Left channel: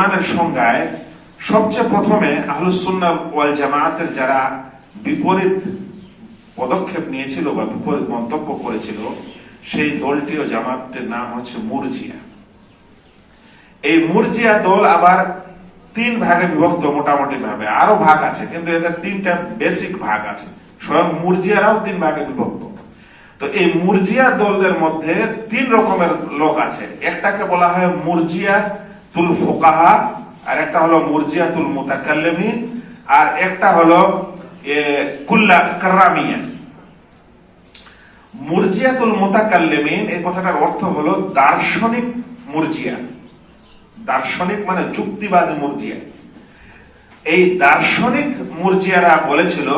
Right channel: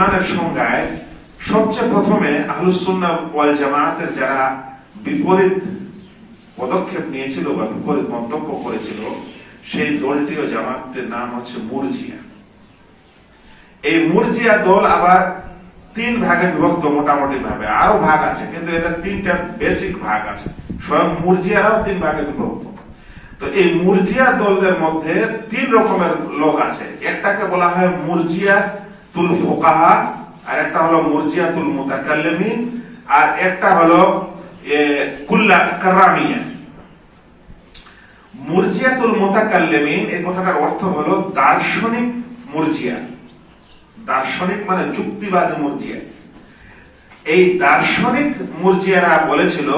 ইমানের সংজ্ঞায় সবচেয়ে প্রথমে আহলুসুন্না ওয়াল জামায়াতের যারা বিপরীত পদক্ষেপ নিয়েছিল বা বিপরীত মন্তব্য করেছিল, সেই দলটি ও জামাতটির নাম হচ্ছে মুরজিয়া। এই মুরজিয়া দল আবার তিন ভাগে বিভক্ত মোটামুটি ভাবে। আরও ভাগ আছে, কিন্তু এদের তিনটা বেসিক ভাগ আছে। স্বয়ং মুরজিয়ারাও তিন ভাগে বিভক্ত। তো এই মুরজিয়া দলদের মধ্যে তিন রকমের লোক আছে। একটাকে বলা হয় মুরজিয়া তুল ফোকাহা আর একটা হলো মুরজিয়া তুল মুতাকাল্লিমিন আর একটা হলো কুল্লা কারামিয়া মুরজিয়াতুল মুতাকাল্লিমিন এই কথাটার অর্থ হলো দার্শনিক মুরজিয়া। দার্শনিক মানে যুক্তিবাদী মুরজিয়া। এই দার্শনিক মুরজিয়ারা বলেছিল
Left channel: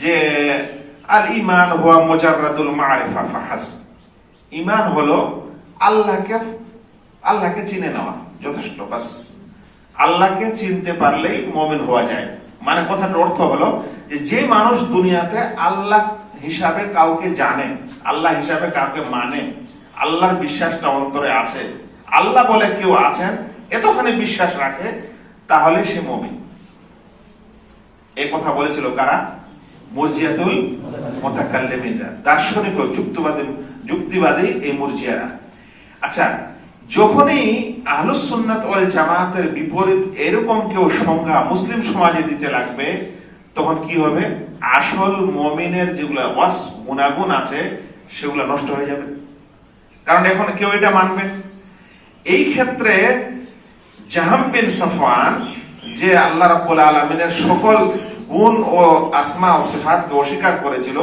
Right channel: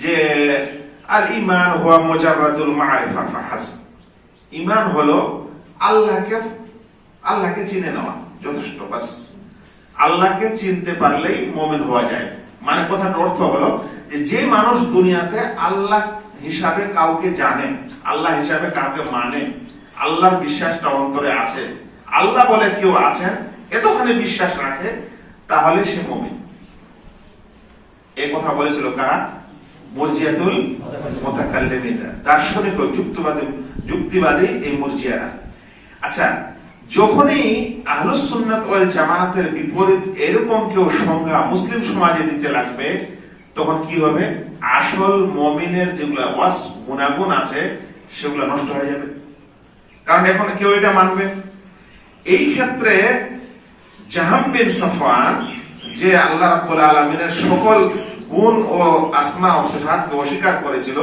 যে, আল ইমান হুয়া মুজাররাদুল মারিফা, ফাহাস। ইমান হলো আল্লাহকে আল্লাহকে চিনে নেওয়া। যথেষ্ট। বাস আল্লাহকে চিনতে পারলেই মমিন হওয়া যায়। মানে কথার অর্থ হলো যে মানুষ দুনিয়াতে আল্লাহ হিসাবে কাউকে জানে, আল্লাহ হিসাবে কাউকে মানে আল্লাহর বিশ্বাসটা অন্তরে আছে, আল্লাহ বলে কেউ আছেন, এতখানি বিশ্বাস রাখে, তাহলে সে মমিন। এই কথা বলেছিল কারা? মর্জিয়াতুল মোতাকাল্লিমিনরা। দার্শনিক ও যুক্তিবাদী যুক্তিবাদী এই মর্জিয়ারা। আচ্ছা যখনই আহলুস ওয়াল জামাতের বিপরীত এরকম কেউ সংজ্ঞা মুসলিম সমাজে দিতে লাগবে, তখন কি হবে? আসল মমিনের যেগুলো ওয়াস গুণাগুণ আছে, সেগুলো নষ্ট হয়ে যাবে। কারণ এখন কেউ এটা মানবে? এই ক্ষেত্রে জাহাম বিন যে আল্লাহ রাব্বুল আলামিনের সকল গুণ ও আসমা ও সিফাতকে অস্বীকার করেছিল,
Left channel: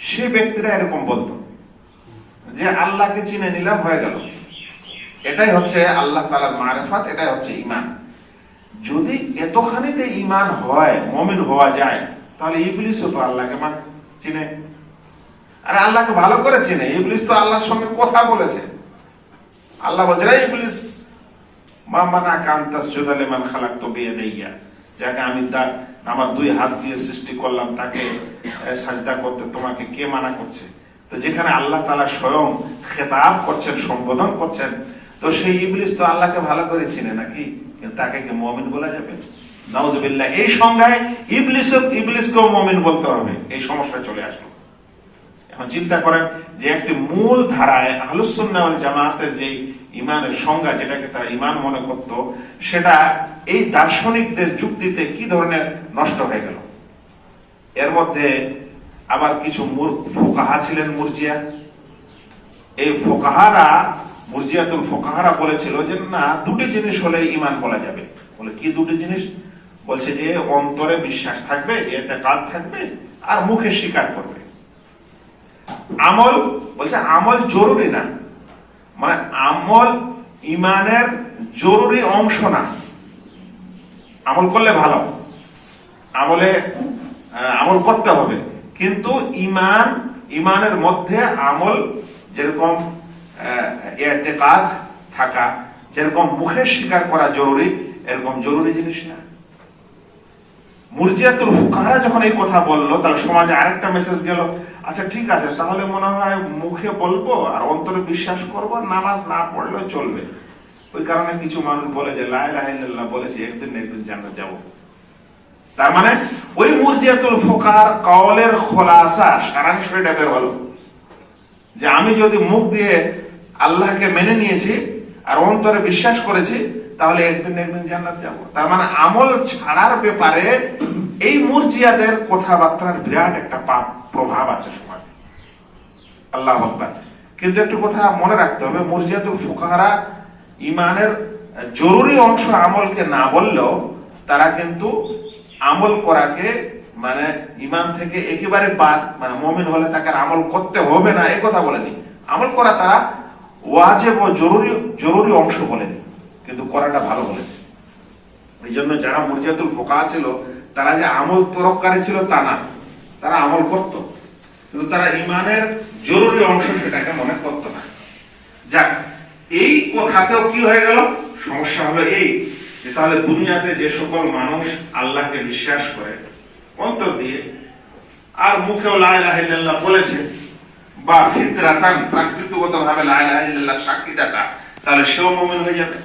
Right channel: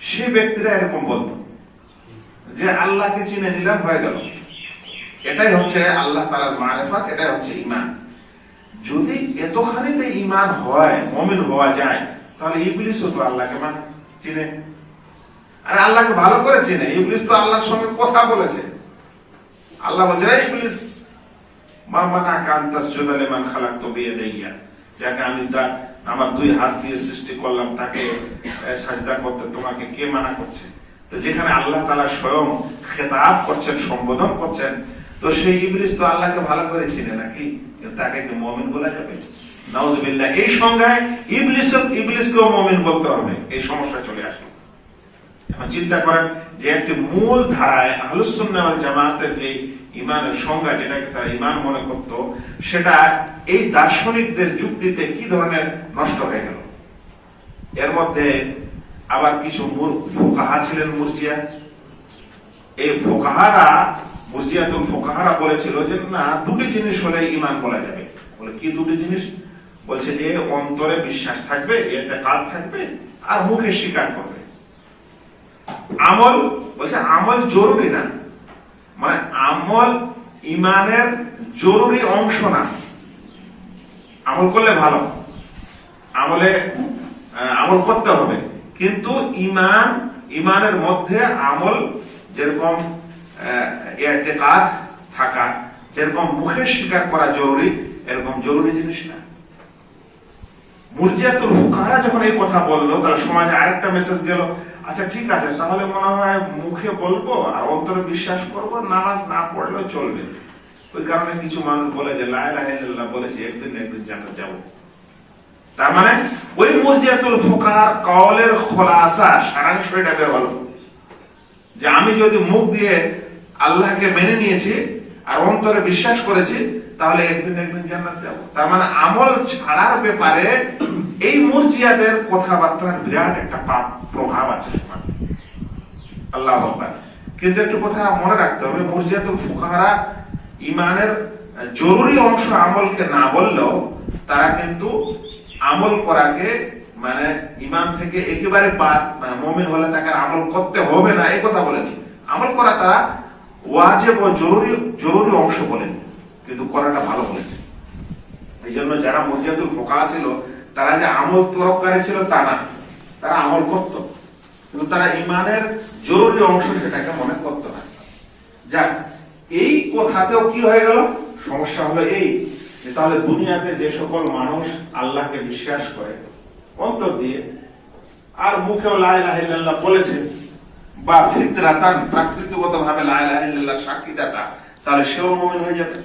সে ব্যক্তিরা এরকম বলতো। যে আল্লাহকে চিনে নিলাম, হয়ে গেল। এটাই হচ্ছে আল্লাহ তালার মারেফাত, এটাই হচ্ছে ইমান যদি এতখানিতে ইমান হয়, মমিন হওয়া যায়, তাহলে ইবলিসও তো আল্লাহকে মান চিনে। আর আল্লাহকে ভালো করে চিনে। ইবলিস তো আল্লাহর সঙ্গে কথা বলেছে। আল্লাহ বলছে রে ইবলিস মামানা কান্তাস জোদালেমান খালাক তো বিয়ে দেইয়া যাকে আমি তা- আমার দুই হাত দিয়ে সৃষ্টি করলাম, তাকে সাজদা করতে তোমাকে কে মানা করছে? তো যেখানে আল্লাহ তালা স্বয়ং খেতাব করছেন, সম্বোধন করছেন, তো সেই ইবলিস তো আল্লাহকে ভালো করে চিনে নাকি? তাকে কি মমিন বলা যাবে? নাউজুবিল্লাহ, এই সংজ্ঞায় ইবলিস ইবলিসকেও মমিন বলতে হবে। এই সমস্যা চলে আসলো এখন চিন্তা করেন যে একটি মূল ধারায় আহলুসুন্নাহ ওয়াল জামাতের যে ইমানের সংজ্ঞা, যেটাকে তারা ইমান মনে করত, সেটা এই দার্শনিকদের যুক্তিতে কি ধরনের নষ্ট হয়ে গেল? এর মধ্যে আবার কিছু ফোকাহা ছিলেন মুরজিয়া। এই ফোকাহারা, মুরজিয়াতুল ফোকাহারা বলেছিল যে, না, দুটি জিনিস হলে ইমান বলা যাবে। বলে, কি দুটি জিনিস? বলছে যে, অন্তরে বিশ্বাস থাকবে, এতে কাজ থাকবে, আর মুখে স্বীকার করবে। আমল, বলছে, আমল জরুরি না। মানে আমল ইমানের জরুরি অংশ না। আমল করলে ভালো। আমলে আমল করতে হবে। কিন্তু ইমান, ইমানের মধ্যে আমল যেরকম থাকা, যেরকম মুখে স্বীকার করা জরুরি, এরকম জরুরি জিনিস না। মুরজিয়াতুল ফুকাহারা যখন এই কথা বলল তার সমাজে আরেকটা মেসেজ গেল আচ্ছা ঠিক আছে, তাহলে মনে হয় মুখে বলব আর অন্তরে বিশ্বাস করব, নামাজ না পড়লেও চলবে। ওই কারণে কিছু মানুষ বলে যে লাই লাইল্লাহ বলেছি, একদিন একদিন জানা যাব। তার মানে ওই মুরজিয়াতুল ফোকাহার কওলের খোলাসা সারাংশ এটা বের হলো। যে আমি যদি মুখ দিয়ে আল্লাহকে মেনে নিয়েছি আর অন্তরে বিশ্বাস করেছি, তাহলে একদিন একদিন জান্নাত যাব। তার মানে আমল ছাড়ার ব্যাপারে এই মুরজিয়াদের কথাবার্তার বিরাট একটা পাপ প্রভাব আছে সমাজে। আল্লাহ কিন্তু একটু কথা মনে রাখতে হবে, মুরজিয়াতুল ফুকাহারা ইমানের জরুরি অংশ আমলকে না বললেও তারা কিন্তু আমল করাকে মানে ইমান থেকে একেবারে বাদ মানে মমিন হলে তাকে আমল করতে হবে না, এই কথা বলেনি। আমল করা তারা ওয়াজেব ও জরুরি জরুরি অংশ বলেনি, কিন্তু করাটা ভালো বলেছে। এই জন্য যারা মুরজিয়াতুল ফোকা ছিল, তারা যে আমল তরফকারী ছিল তা না, তারা আমল করত। কিন্তু তারা ইমানের জরুরি অংশ সেটাকে মনে করত না। যাক, এই কথাতেও কি হয়ে গেল? সমস্যা হলো এই যে তাহলে দুনিয়াতে যে সকল মানুষ আল্লাহকে বিশ্বাস করে, অন্তর দিয়ে, আর মুখেও লাইলাহিল্লাহ বলেছে, বা ফিতরাতান প্রাকৃতিকগত ভাবে লাইলাহিল্লাহ সাক্ষী দেখা তাহলে সেও মমিন হয়ে যাবে।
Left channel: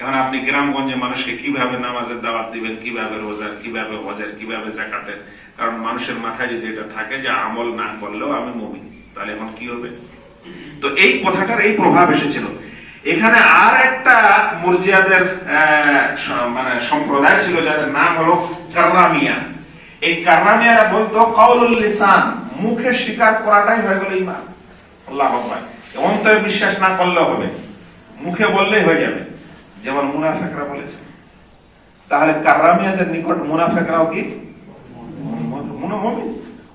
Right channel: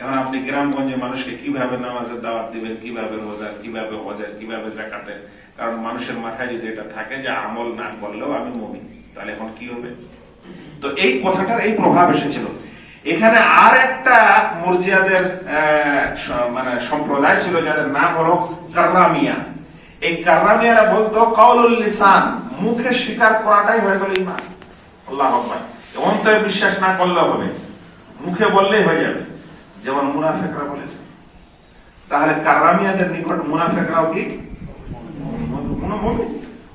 এখন আপনি গ্রামগঞ্জে মানুষকে কীভাবে নামাজের দাওয়াত দিবেন, কীভাবে রোজার কীভাবে হজের, কীভাবে জাকাতের কারণ মানুষের মাথায় যদি এটা থাকে যে আমল না করলেও আমি মমিন, তাহলে এখন কি হবে? তো এই কথাটার এই প্রভাব এসেছিল। এখানে আর একটা মুরজিয়াদের মানে সম্প্রদায় ছিল, যাদের নাম হলো কার্রামিয়া। এই কার্রামিয়ারা বলতো কৌলুল লিসান, মুখে স্বীকার করাটাই হয়ে গেল ইমান। আল্লাহ অন্তরে বিশ্বাস না করলে হবে। মুখে বললেই হয়ে যাবে। যেমন মুনাফেকরা বলেছে। তাহলে কার্রামিয়াদের নিকট মুনাফেকরাও কি।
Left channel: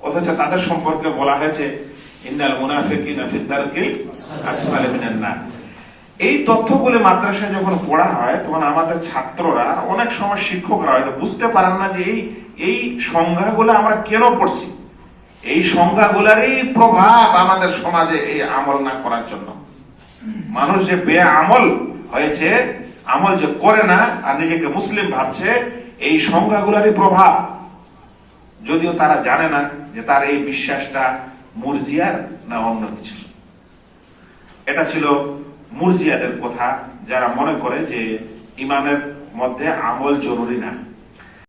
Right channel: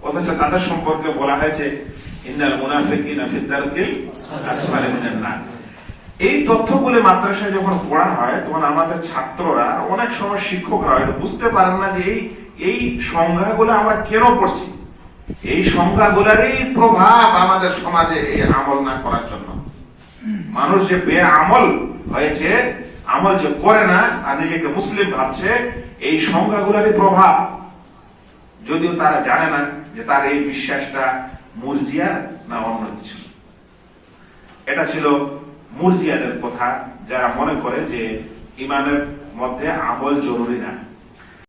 অথচ তাদের সম্পর্কে বলা হয়েছে, ইন্নাল মুনাফিকিনা দারকিল আসফালি মিনান এই তথ্যগুলো মাদ্রাসায় যখন পড়া হয়, তখন আমাদের ছাত্ররা, অনেক সময় শিক্ষকরা বুঝতে পারেন না যে এই এই সংজ্ঞাগুলো আমরা কেন পড়ছি। এই সংজ্ঞাগুলোরই প্রভাব আমাদের সমাজে এই আমল না করার জন্য। মানুষ যে বে আমল হয়েছে, আমল যে করে না, আর নিজেকে মুসলিম ভাবছে, এই সংজ্ঞাগুলোরই প্রভাব। যদিও তারা জানে না যে তার এই বিশ্বাসটা মুরজিয়ার না অন্য কিছু। এটা ছিল মুরজিয়াদের কথা যারা মনে করে যে ইমানের মধ্যে আমল জরুরি না।